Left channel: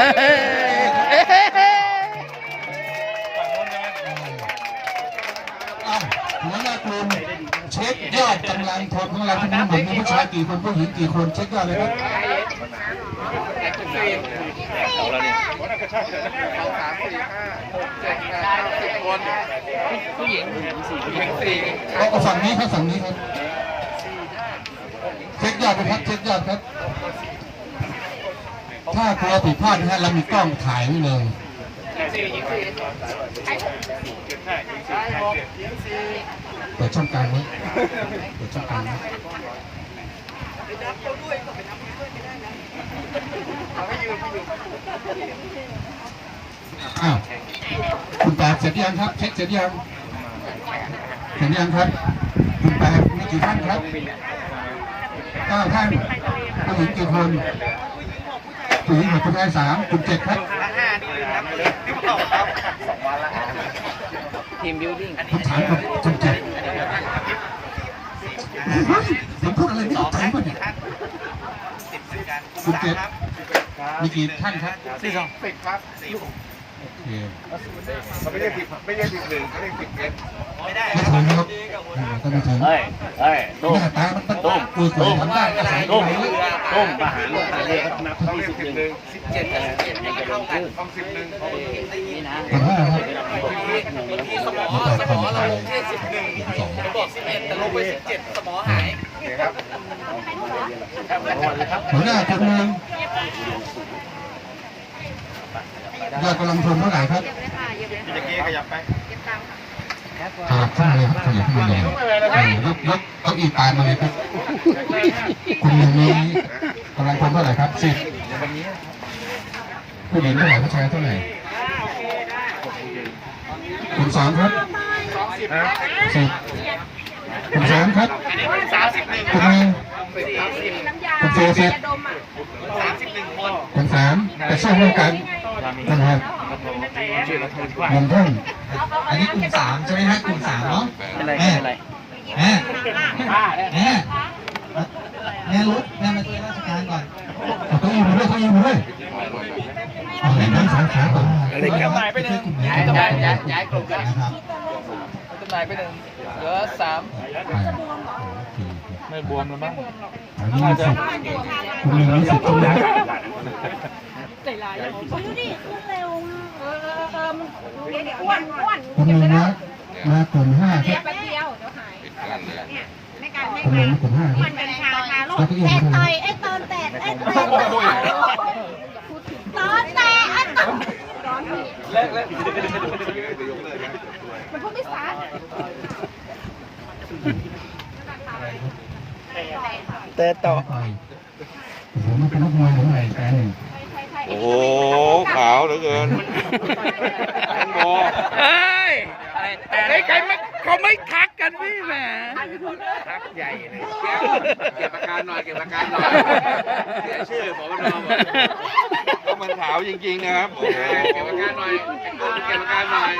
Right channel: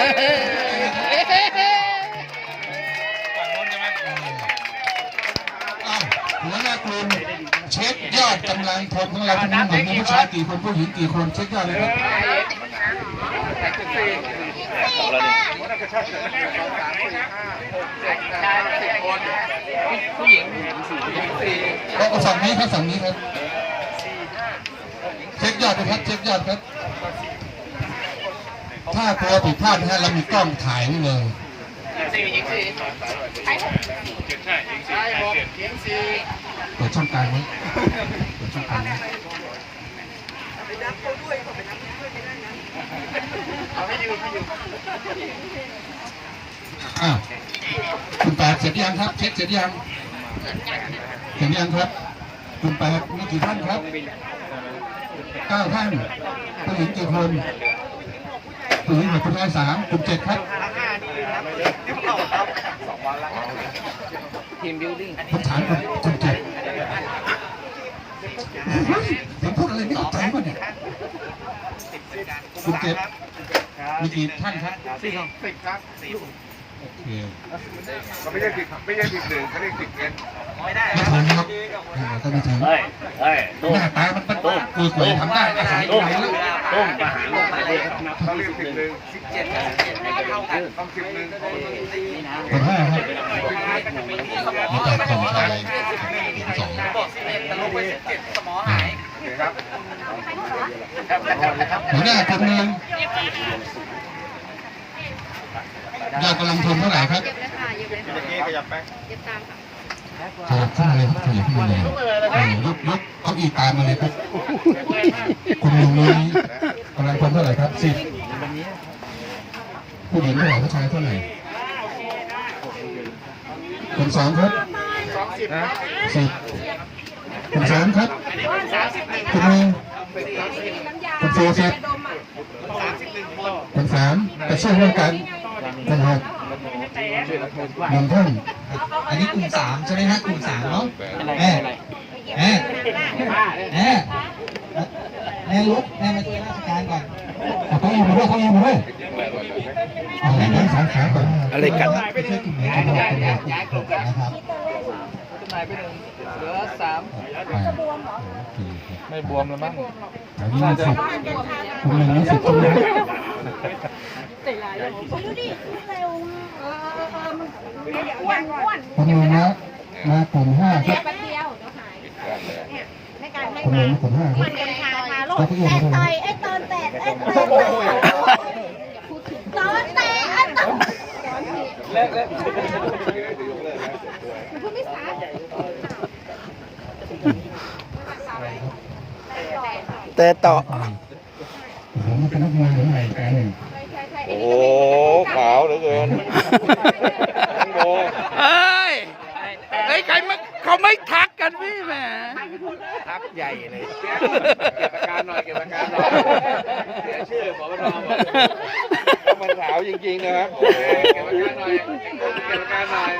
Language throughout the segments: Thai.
หัวหน้ากลุ่มเช็คยอดกำลังพลของเราทั้งหมดมีผู้ชายกี่คนผู้หญิงกี่คนเช็คยอดเลยครับผู้หญิงสี่เอาฝั่งนี้ครับฝั่งนี้ครับ เช็คยอดนะครับเช็คยอดครับ ถ้ากลัวผิดพลาดนะฮะเรามีกล้องถ่ายไว้เลยเปิดช่องกลางไว้เปิดช่องกลางไว้อ้าวคุณแปดเสร็จยังครับ เช็คเสร็จยังเสร็จยังครับ คุณแปดมีกี่ท่านครับเก้าท่านผู้หญิงกี่คน ผู้หญิงหกคนงานสามคุณเจ็ดครับทีมบิวดิ้งผมถามก่อนคุณเจ็ดผมพูดอะไรไม่เข้าใจป่ะเนี่ยคุณเจ็ดมีกี่ท่านครับสี่สองสิบครับโอเคมันไม่ใช่สิบไม่ใช่สิบหนึ่งเขาเรียกสิบเอ็ดไม่ถึงครับก็ไม่ถึงเฮ้ยเฮ้ยหตุ้มน้าตามันมันตุ้มคือสวยทำได้อาศัยตุ้มไหนแล้ว ต้มทหารเรียกมาเขาเรียกสิบหนึ่งสิบเจ็ดกับสิบเจ็ดในกระโดดขึ้นต้องสิบหนึ่งนี่นะคนห้าครับมีแปดคนชายหญิงสองสิบเอ็ดแต่ลงไปสิบเจ็ดสองหัวหน้าคนหนึ่งยอดกำลังพลเท่าไหร่ครับขยับขึ้นเลยครับขยับขึ้นมาเลยยกยกเก้าอี้ตามมาเลยครับคุณหนึ่งนี้กำลังพล เท่าไหร่ครับสิบผู้หญิงเท่าไหร่ผู้ชายเท่าไหร่คุณสองครับสิบคุณสามครับคุณหนึ่งคุณสี่สิบสามสิบหนึ่งคนคุณสามแต่ช่วยร่วมกันนะครับหนึ่งท่านอันนี้กลุ่มสามใช่ไหมฮะกลุ่มสามเนาะเป็นไรแม่เป็นไรแม่แม่ แม่ลุกแม่มาช่วยราชการก่อนเอาเก้าอี้มาด้วยเก้าอี้มาด้วยเอาให้ทั้งสามขาก่อนอะไรกันไปช่วยกลุ่มไหนกันบ้างนะครับขึ้นมาไปหนึ่งเหลือสามไม่บวมแล้วมั้งอันนี้มีสิบกลุ่มหนึ่งมีสิบใช่ไหมดูดิขึ้นเร็วมากเออเออเออมันเดี๋ยวอ้วนอ้วนกลุ่มหนึ่งนะมากลุ่มห้าคเดี๋รัยวบแป๊บเดียวเดี๋ยวหายเนี่ยไม่การไม่กลุ่มหกานึ่รงกลุ่มห้าครัมับนกัญชา ทาโรคแตกต่อยไอ้ตอนแตกไอ้ตอนแตกตอนแตกไอ้ตอนมันพูดไม่ชัดแต่ต่อไปโอ้โหมันเป็นนักมวยหรืออะไรกันโอ้ขาวเหลือเกินเฮ้ยไอ้ใครไม่ เขาไม่ทักกันพี่แหมทักใหญ่เลยเก็บอาการหน่อยเก็บอาการหน่อยเสียชื่อสวนบอกมันขาวจริงๆนะครับโอเคเก็บอาการหน่อยเก็บอาการหน่อย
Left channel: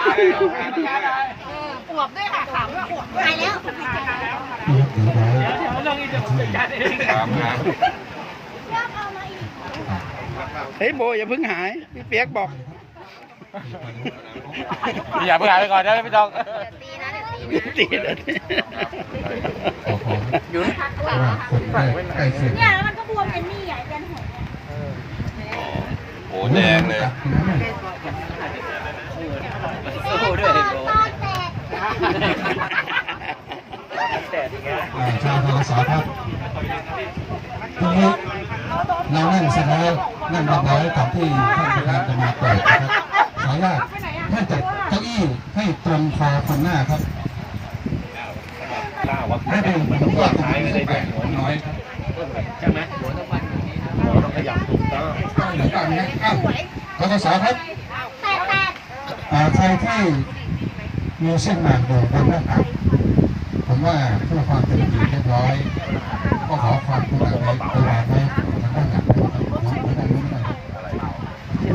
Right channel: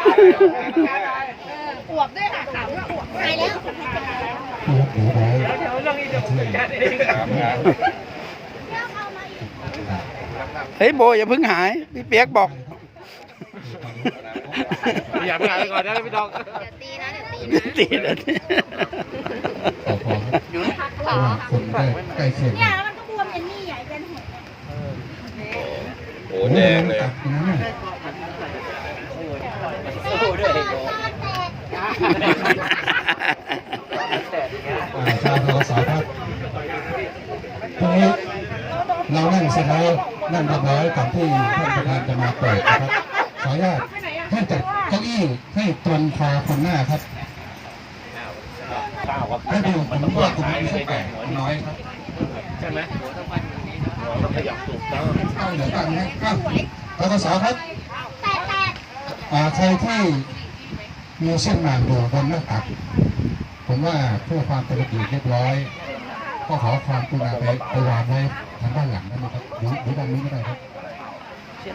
อวบด้วยค่ะถามว่าอวบหายแล้วที่รับถือไว้ช่วยถามนะเฮ้ยโบอย่าเพิ่งหายพี่เปียกบอกอย่าเพิ่งหายไปก่อนนะพี่ดอง ตีเลยขอพอยู่นะเพราะว่าคนใกล้ใกล้เคียงเนี่ยมันก็บวมเป็นนี่ใหญ่เป็นหัวโอ้แดงเลยตัดนั้นน่ะสู้ด้วยตอนแตกชาวทศครับทีนี้เรานั่งเสร็จแล้วนั่งเรียบร้อยก่อนที่ท่านประธานจะมาเปิดนะครับขออนุญาตให้จัดเก้าอี้ให้ตรงคอคนหน้าครับ ให้ดูผมว่ากลุ่มนี้สักแปดน้อยครับต้องขยับถูกต้องตั้งเหนึ่งตั้งนะอ้าวทกศครับแตกแตกอ่าใครที่มีเส้นหมากอยู่บนหน้าตักผมว่าเพื่อความเป็นระเบียบเรียบร้อย ก็ขอความกรุณาไปไปวางไว้ทางด้านหลังนะครับหรือหรือตรงนี้ก็ได้ครับ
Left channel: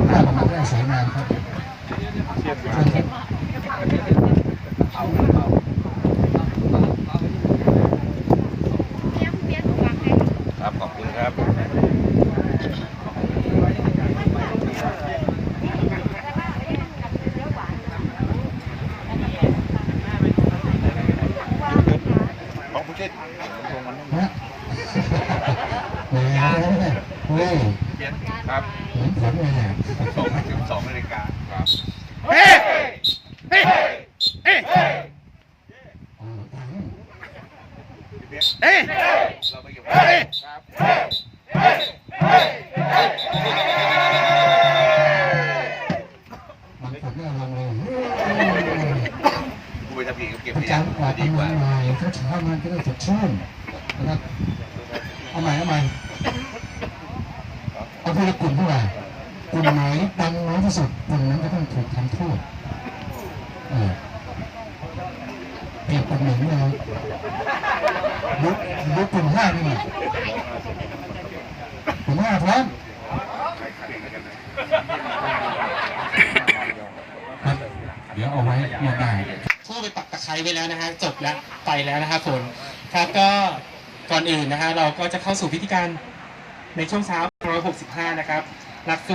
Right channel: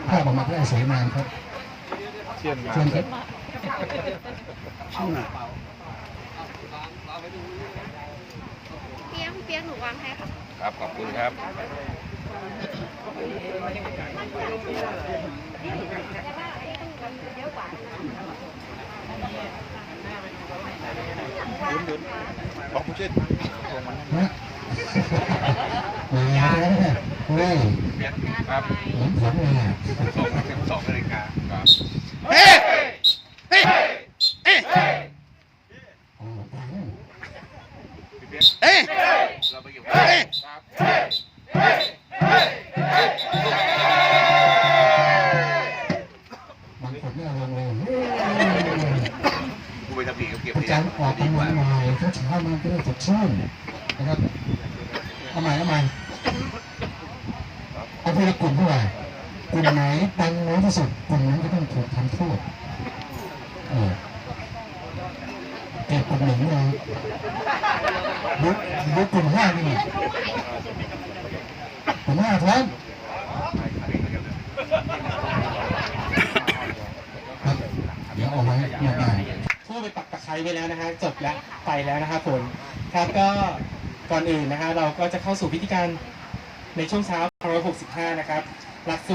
ถ้าเรามาได้สวยงามครับเชิญครับ ครับครับผมเลยสองถึงสอง เช้ามันจะได้สดชื่นนะครับเอาใหม่เอาใหม่เอาทีละกลุ่มเท่าไหร่กลุ่มไหนดังน้อยที่สุดกลุ่มนั้นก็ต้องถูกทำโทษเออเก็บกลุ่มหนึ่งเลยยุบยุบกลุ่มห้านี่กลุ่มห้าพร้อมเดี๋ยวเอาไว้หมดได้ ทั่วไปปักตะไคร้ไว้แล้วนะฮะจบแล้วไปแล้วนะครับฝนครับก็ก่อนอื่นนะฮะเราก็จะเข้าสู่พิธีการในช่วงเช้า165 นะครับหลักสูตร